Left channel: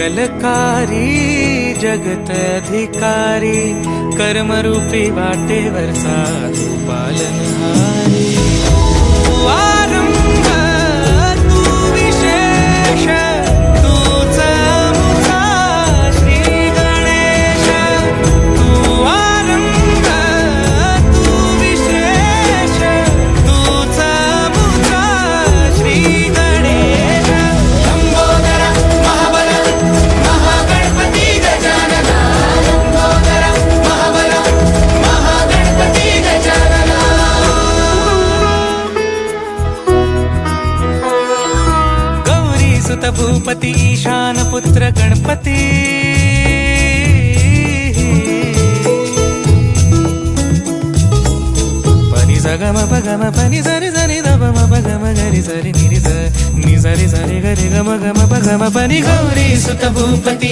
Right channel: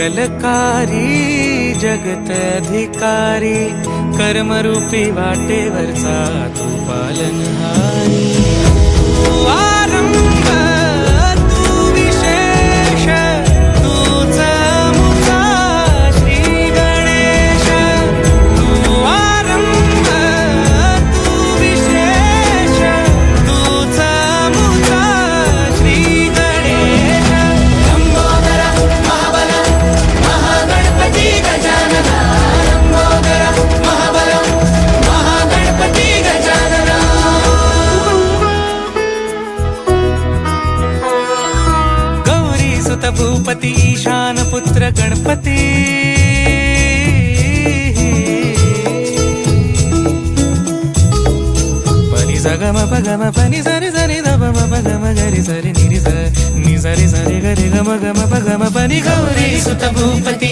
मंगलकारी जगत अधिकारी, कर्मरूपी वाटेवरचा तू पालनहारी। तू आरंभ तू विशेष, तूच मुचा श्री गणेश। तू आरंभ तू विशेष, तूच मुचा श्री गणेश। लंबोदर महाबल महागणपती गजानन, लंबोदर महाबल महागणपती गजानन। गौरी सुत भूपती ईशान पुत्र गणपती, पनि सगम पगम पनि सरि सरि ध म पगम गरि सरि नि रि स नि सरि सरि गरि गम गम पगम पनि। गौरी सुत भूपती